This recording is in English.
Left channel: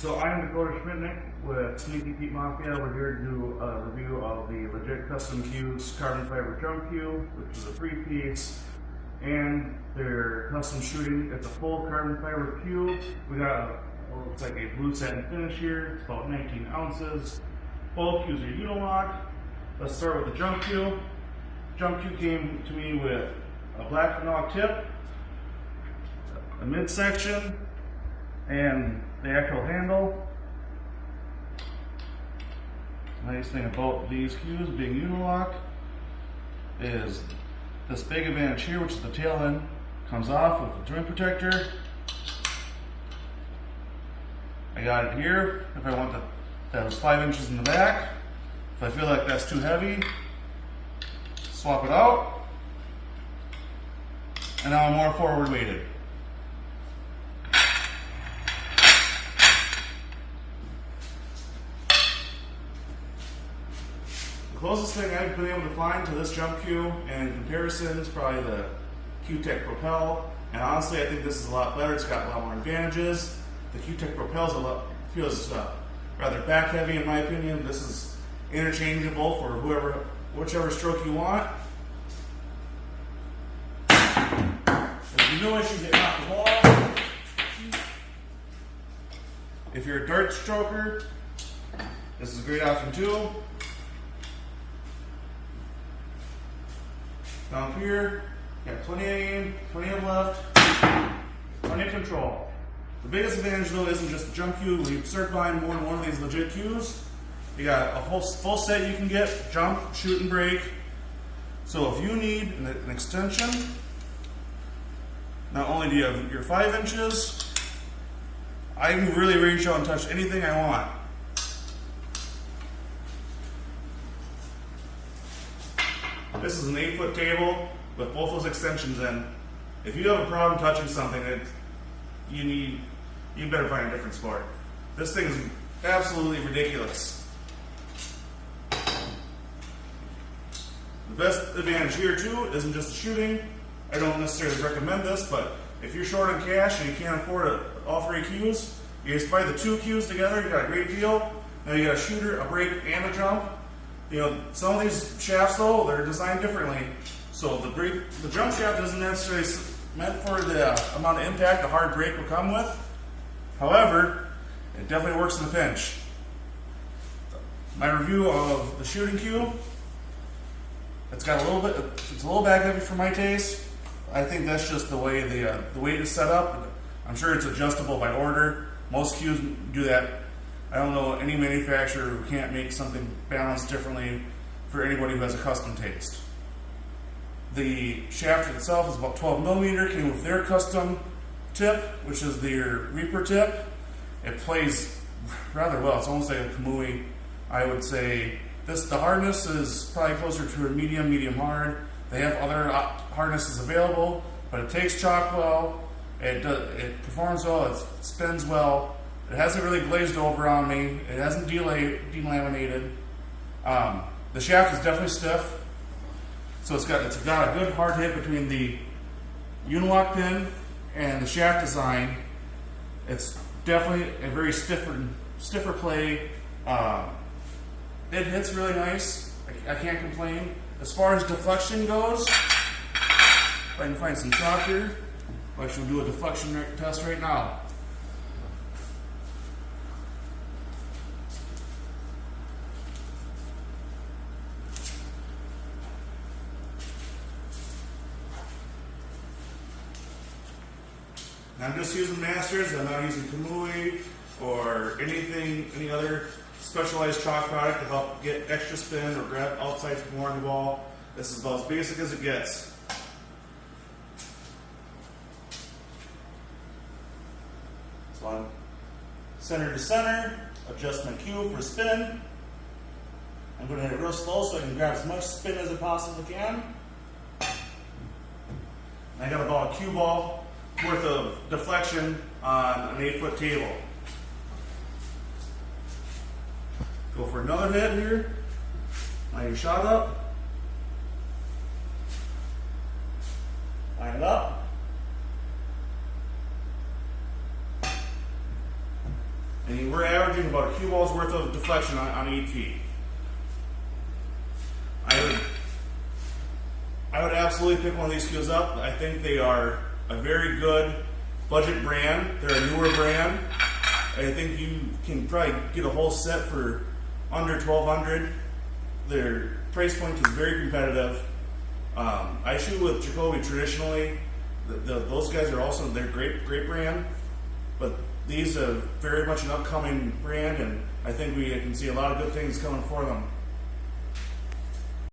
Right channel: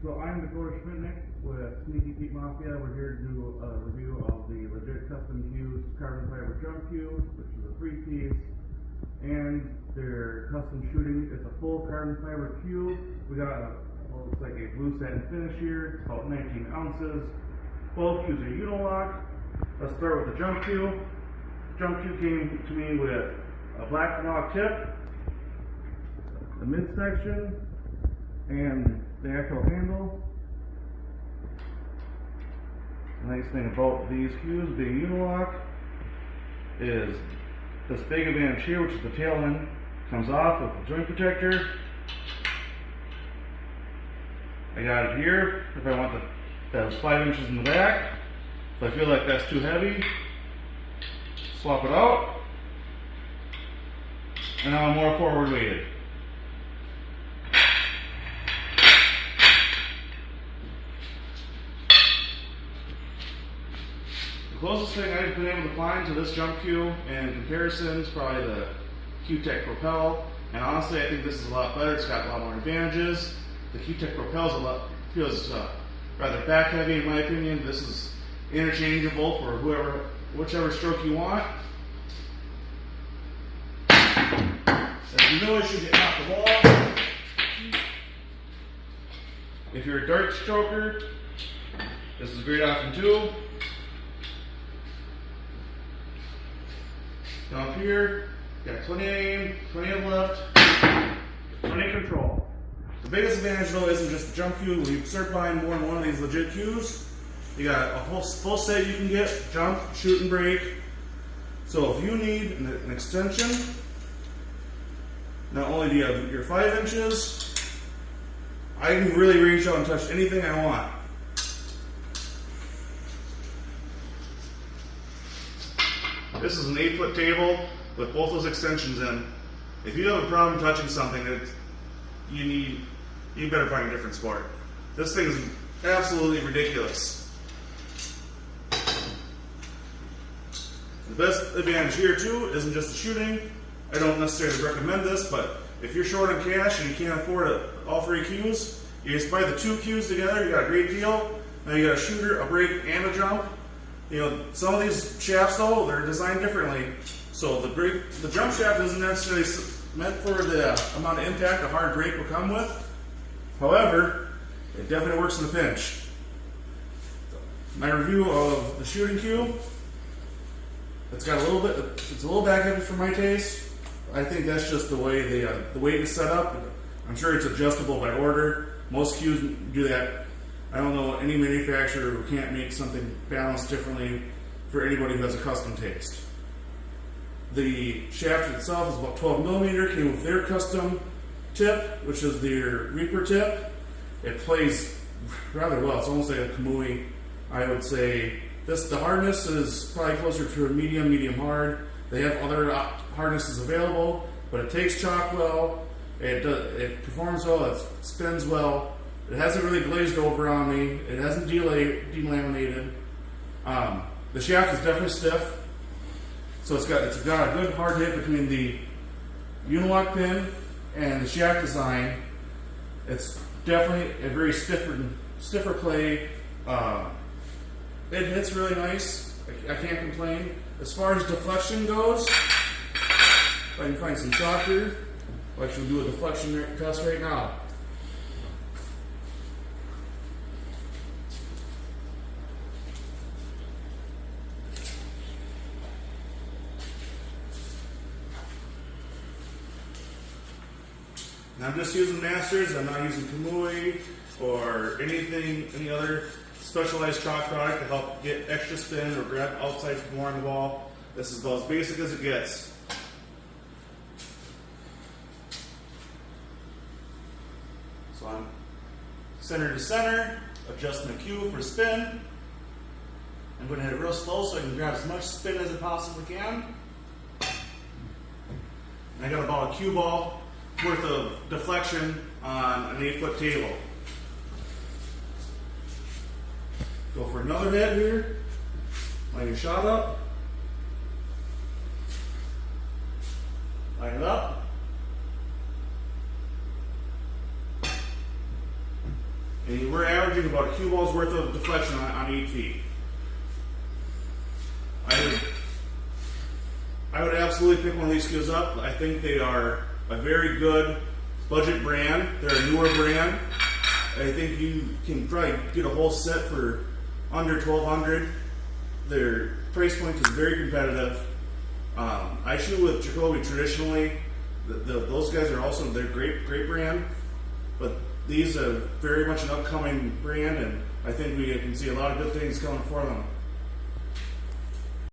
So I'm Dakotah Schmidtknecht with Sneaky Pete Mafia. We're here to do a review of the Legit Custom Cues carbon fiber drum cue, which is a 3-piece, and their custom shooting. It's a full carbon fiber cue. We got what looks like a blue satin finish here. It's about 19 ounces. Both cues are unilock. Let's start with the jump cue. Jump cue came to me with a black phenolic tip, a midsection, and the actual handle. Nice thing about these cues being unilock is this big advantage here, which is the tail end comes off with a joint protector. I got it here if I want that 5 inches in the back. If I feel like that's too heavy, swap it out, and now I'm more forward weighted. The closest thing I've been able to find to this jump cue in comparison is probably the Q-Tech Propel, and honestly I think this is a lot better. It's got a lot more advantages. The Q-Tech Propel feels rather back heavy in my opinion. This is interchangeable for whichever stroke you want. There's no issue getting off the ball. If you're a dart stroker, this is a great option too. Down here, got plenty of aim, plenty of left, plenty of control. The biggest advantage though isn't just the jump cue. When you start buying more than one of these legit cues, you got a full set you can get: jump, shoot, and break. So if you need an extension, not only do you have your 5 inches, I can really reach out and touch anything I want. This is an 8-foot table with both those extensions in. If you have a problem touching something that you better find a different sport. This thing is absolutely ridiculous. The best advantage here too isn't just the shooting. I don't necessarily recommend this, but if you're short on cash and you can't afford all 3 cues, you just buy the 2 cues together, you got a great deal. Now you got a shooter, a break, and a jump. You know, some of these shafts though, they're designed differently. So the jump shaft isn't necessarily meant for the amount of impact a hard break will come with. However, it definitely works in a pinch. My review of the shooting cue, it's a little back heavy for my taste. I think that's just the way the weight is set up. I'm sure it's adjustable by order. Most cues do that. I don't know any manufacturer who can't make something balanced differently for anybody who has a custom taste. The shaft itself is about 12 millimeter, came with their custom tip, which is their Reaper tip. It plays rather well. It's almost like a Kamui, I would say. The hardness is probably closer to a medium hard. They have other hardnesses available, but it takes chalk well, it performs well, it spins well. It hasn't really glazed over on me. It hasn't delaminated. The shaft is definitely stiff, so it's got a good hard hit between the unilock pin and the shaft design. It's definitely a very stiffer play. It hits really nice. I can't complain. As far as deflection goes, if I can find some chalk here, I shall do a deflection test right now. I'm just using Masters. I'm not using Kamui or any other specialized chalk product to help get extra spin or grab outside from more on the ball. This is about as basic as it gets. So I'm center to center, adjust my cue for spin. I'm going to hit it real slow so I can grab as much spin as I possibly can. I got about a cue ball worth of deflection on an 8-foot table. Go for another hit here. Line your shot up. Line it up. and we're averaging about a cue ball's worth of deflection on each tee. I would absolutely pick one of these cues up. I think they are a very good budget brand. They're a newer brand. I think you can probably get a whole set for under $1,200. Their price point is very competitive. I shoot with Jacoby traditionally. Those guys are also, they're great brand, but these are very much an upcoming brand, and I think we can see a lot of good things coming for them.